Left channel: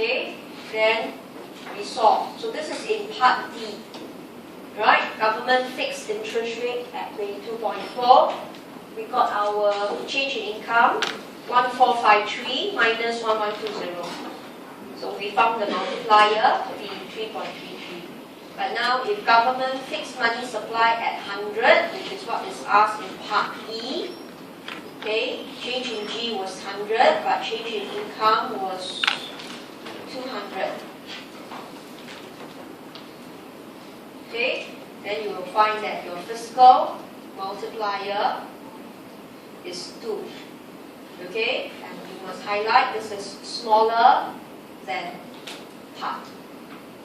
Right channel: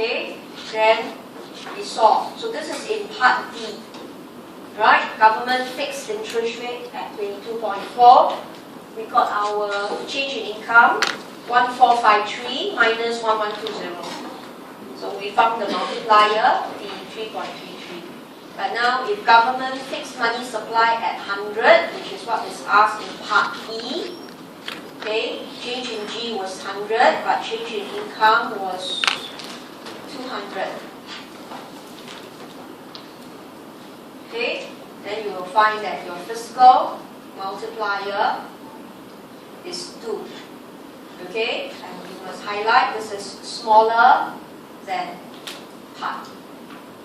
Okay, then we solve. So this is in part D. Right? Government fixed interest rate at 22.4. We got our change in income, 1453 minus 1120. So we found the multiplier to be 3.33. But now if government fixed money supply at 100, which is what is asked in part E, okay, change in G was 100, but change in income was 200. Okay, then you will find that your fiscal multiplier is 2. Okay, and you must highlight this is smaller than part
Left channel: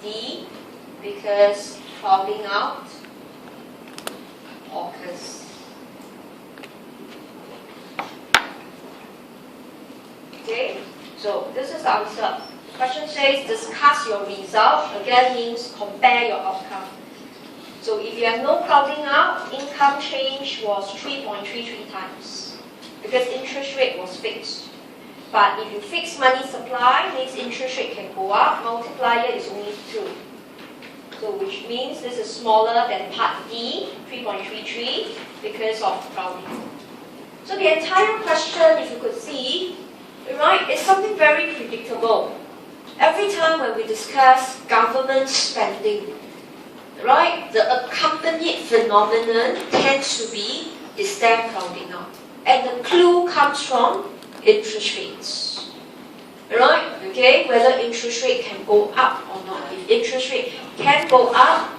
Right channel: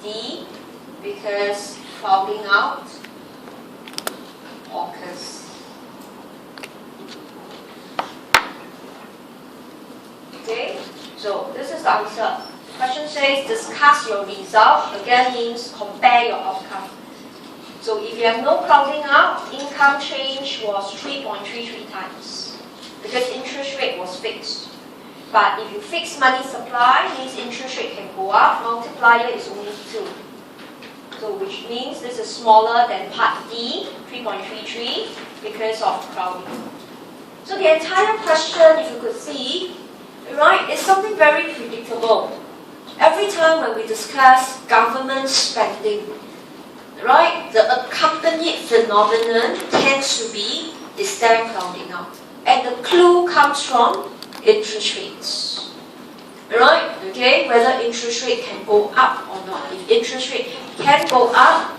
D because crowding out occurs. Okay, so this is the answer. The question says discuss your result. Again means compare your outcome. So if you have no crowding out, income change was 3.33 times because interest rate was fixed. But if you fix money supply, means interest rate can go up, multiplier is only 2. So which means this is smaller than part D, 3.33, because of crowding. So the entire question, if you could see, right, is something very predictable. Every time when we discuss government spending, right, the accompanied phenomenon tends to be, is there crowding out? And the clue comes from interest rates. Right? Okay, whether interest rate can go up or not. If interest rate can go up,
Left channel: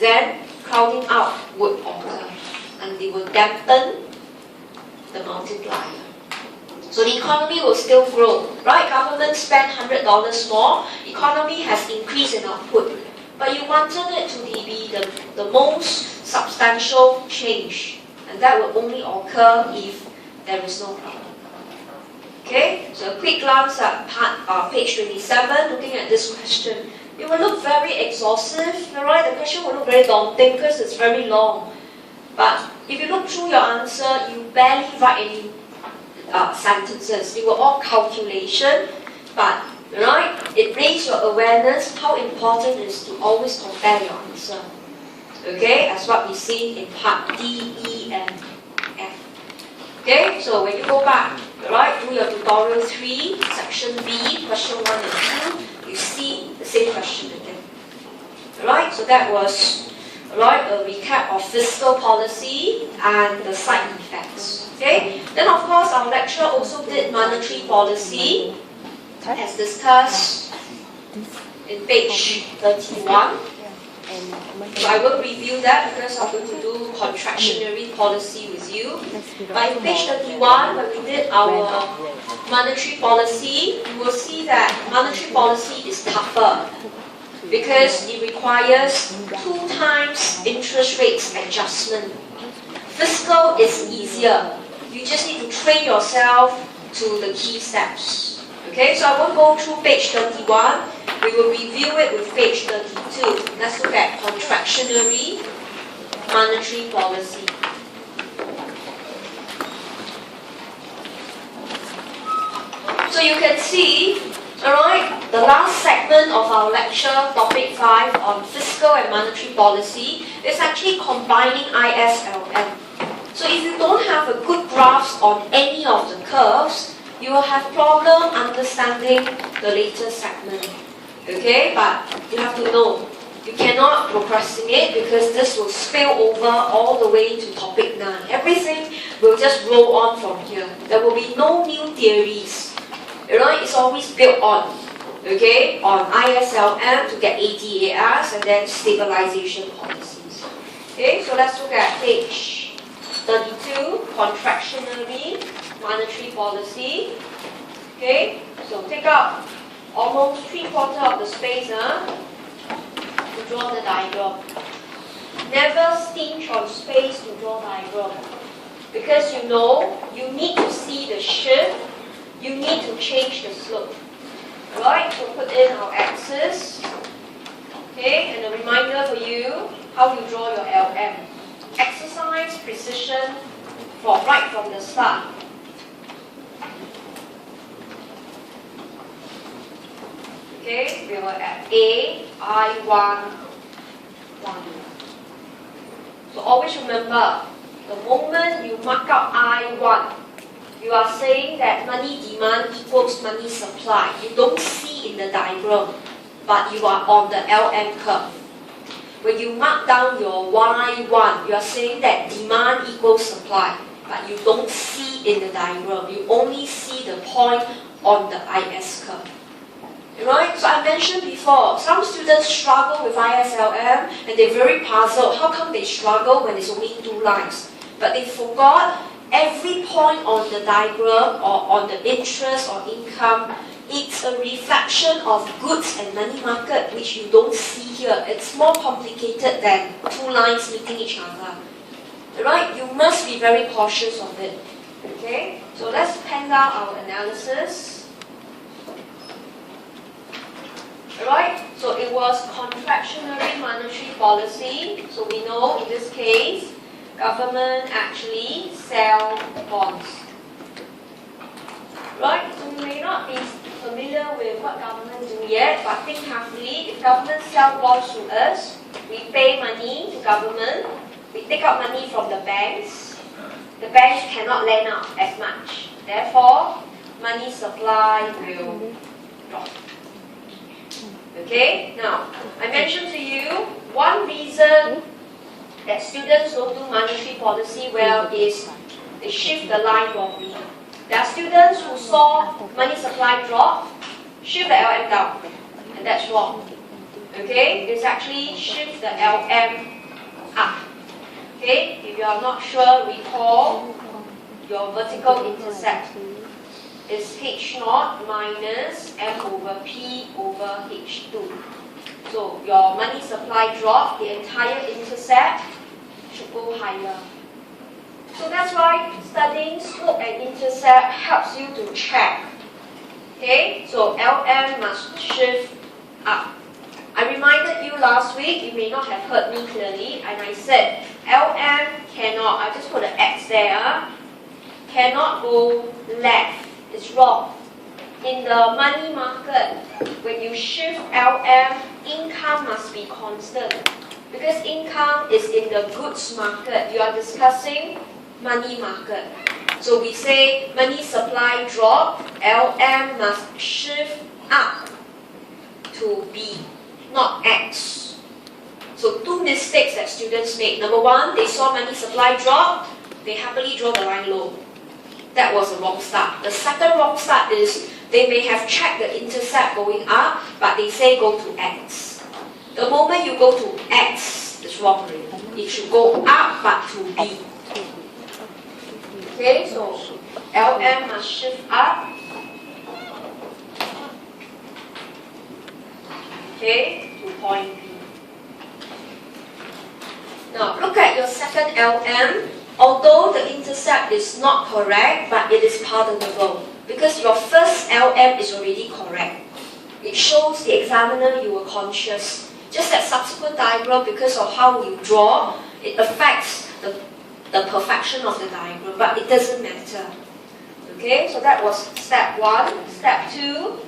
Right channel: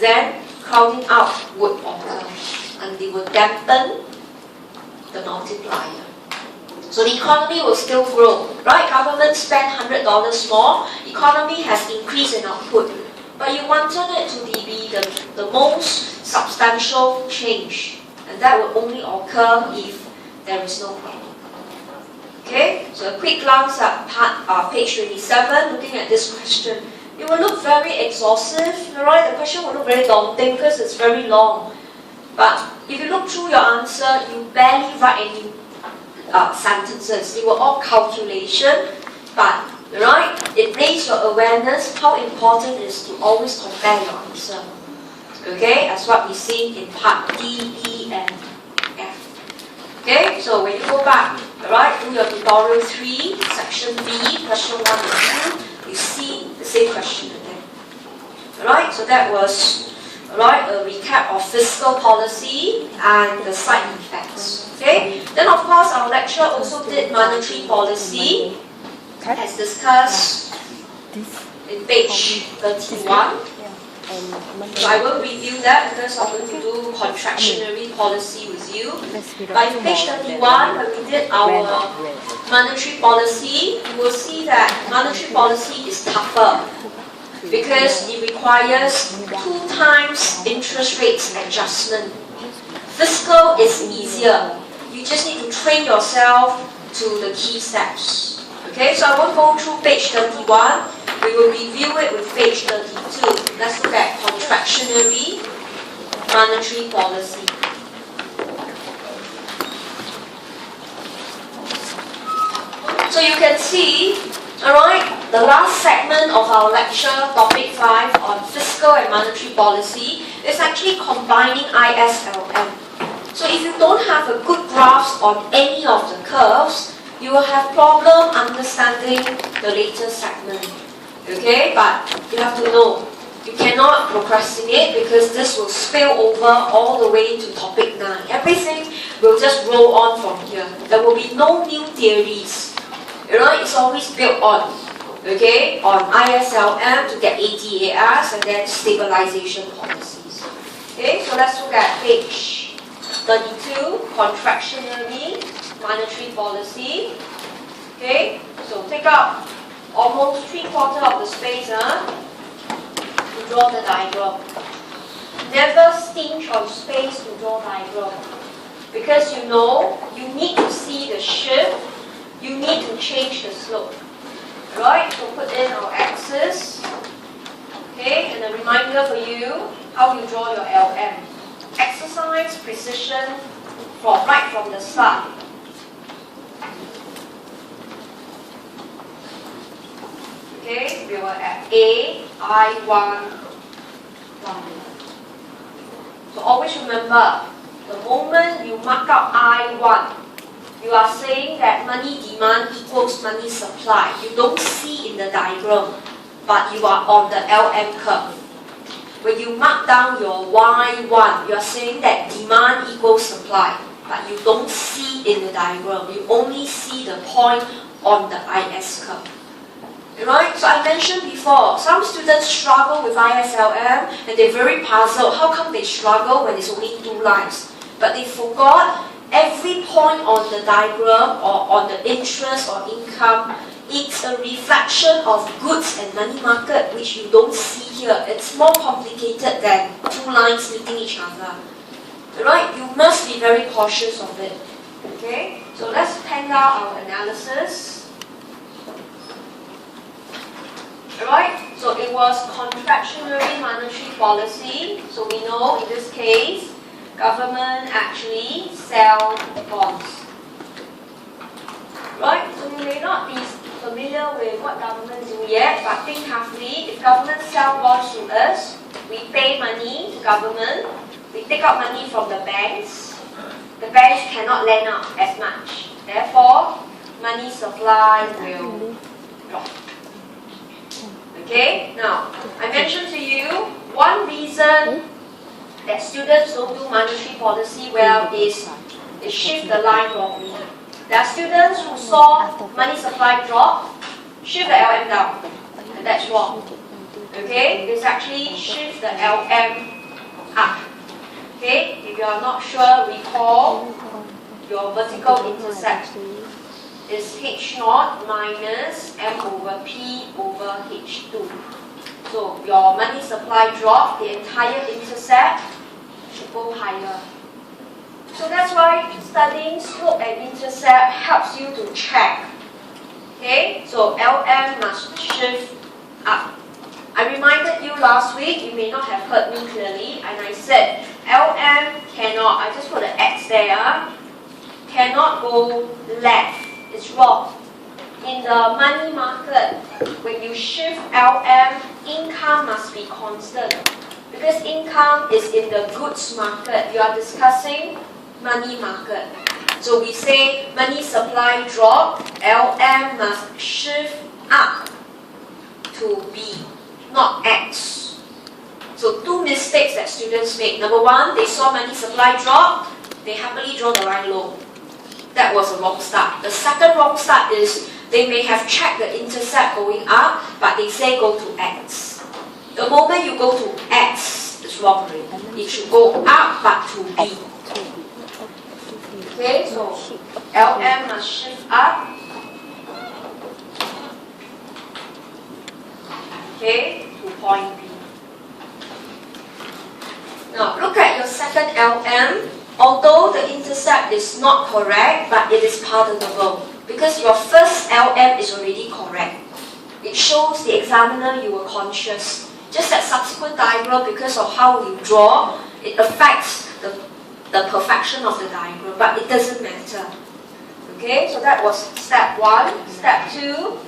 then crowding out would occur. And they will dampen the multiplier. So the economy will still grow. Right? Government spent $100 more. Economy has increased in output. But you wanted it to be the most substantial change. And that will only occur if there is no crowding. Okay, so a quick glance at page 27, looking at this question. It will look very exhaustive, right? The question will look very daunting because it's very long. But if you look through your answer, you barely write any sentences. They were all calculation, but right, it raised your awareness how important it is to always compare your answer. Okay, as what we see in part D, E, and F. Okay, so when you go back, right, do your tutorial 3, section B, question 1 and 2, you see the same question again. Alright, so that was a recap of fiscal policy and the side effects. Okay, then of course our lecture also did monetary policy as discussed in page 31. So I will review that because I'm going to do contractionary policy with you. But in page 31, when we did our monetary policy, you will see that monetary policy is tougher because it requires 2 times interest rates adjustment. Fiscal is easier. You just need to train yourself to the key steps. Okay, so I won't go through page 31. We will review it with page 32. Let's look at contractionary monetary policy. So you can see, alright, the last segment of our lecture, topic 5 on fiscal and monetary policy, is actually combining ISLM. So if you don't have a good grasp on any of the curves, you will have problem understanding the later segment. Okay, but you have to know, you cannot procrastinate because this will spill over all the way to topic 9. Everything will just roll on from here. There will be no new theories. You know, it's always built on, okay, on ISLM to get ADAS and then stabilization policies. Okay, so let's look at page 32, contractionary monetary policy. Okay, so take out almost 3/4 of the space to draw the diagram. Never stinge on space to draw diagram. Because you know, you need to see the shift, you need to change the slope. Right, so put in our axis. Okay, and a reminder for you, how you draw your LM. Exercise precision right from the start. Okay, we were at A, I1, 1. So always remember, the moment you mark out I1, you are saying that money demand equals money supply. You don't see in the diagram, but you are on the LM curve. When you mark down your Y1, you are saying that demand equals supply, but you don't see in the diagram. You only see the point on the IS curve. Right? So I mentioned before, some students struggle with ISLM and they're very puzzled. How come they struggle when it's only 2 lines? But they forgot every point on the diagram or on the interest or income, it's a reflection of goods and money market, which you don't see here. It's more complicated than 2 lines meeting each other. Right? You must be very cautious of it. Okay? So let's pen down our analysis. Alright, so it was contractionary monetary policy. So we know in this case, government actually sell bonds. Right, so we may not be familiar with what government do yet, but think carefully. If government sell bonds to us, we pay money to government, we take out money from the banks cannot lend out as much. Therefore, money supply will drop. Okay, now, I mentioned to you, one reason that students don't do monetary policy well is they shift the line wrongly. There are students who saw money supply drop, shift the LM down, and that's wrong. Okay, it's actually shift the LM up. Okay, if you are not sure, recall your vertical intercept is H0 minus M over P over H2. So your money supply drop, the entire intercept should go higher. So that's why studying slope and intercept helps you to check. Okay, so LM must shift up. I reminded you last week, you may not have heard me clearly, and I said LM cannot, I just put an X there, cannot go left. It's wrong. In the money market, when you shift LM, income must be constant. Because income is in the goods market. You are discussing money market. So we say money supply drop, LM must shift up to B, not X. So 2 mistakes that students make. Number 1, they saw money supply drop, they happily draw the line low. That was a wrong start. The second wrong start is they may have checked the intercept going up, but they say go to X. The moment you go to X, it's wrong already. It should go up but to B. Okay, so LM must shift up. Okay, to point B. Now look at your second LM. Although the intercept is not correct, but it is pardonable because your first LM is already correct. It shows the examiner you were conscious. Just that subsequent diagram, because of how we draw, it affects the perfection of the diagram, but it doesn't matter. Okay, so that was step 1. Step 2.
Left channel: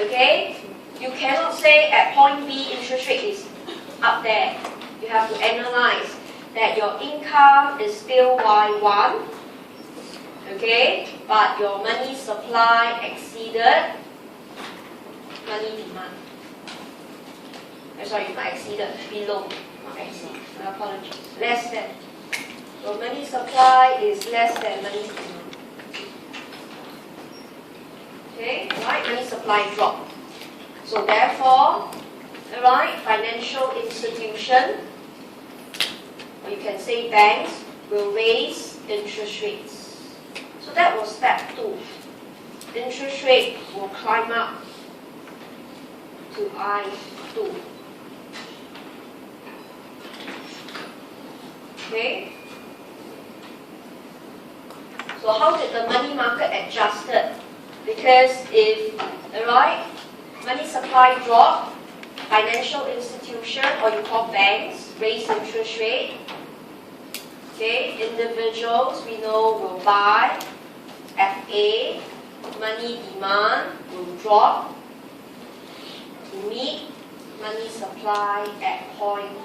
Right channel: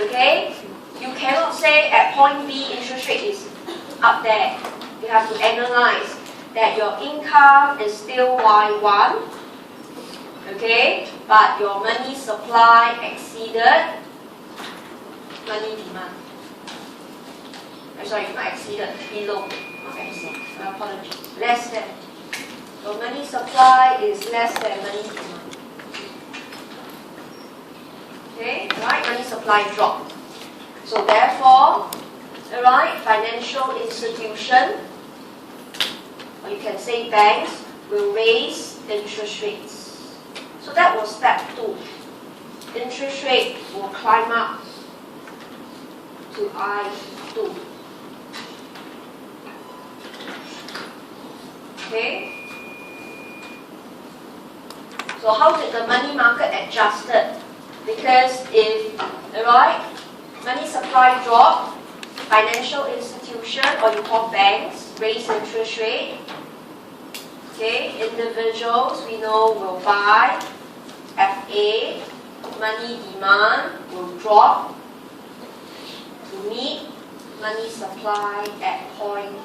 Okay, you cannot say at point B interest rate is up there. You have to analyze that your income is still Y1, okay, but your money supply exceeded money demand. I'm sorry, not exceeded, below, not exceed, my apologies, less than. So money supply is less than money demand. Okay, right, money supply drop. So therefore, right, financial institution, you can say banks will raise interest rates. So that was step 2. Interest rate will climb up to I2. Okay? So how did the money market adjust it? Because if, right, money supply drop, financial institution, or you call banks, raise interest rate. Okay, individuals we know will buy, FA, money demand will drop, money supply at point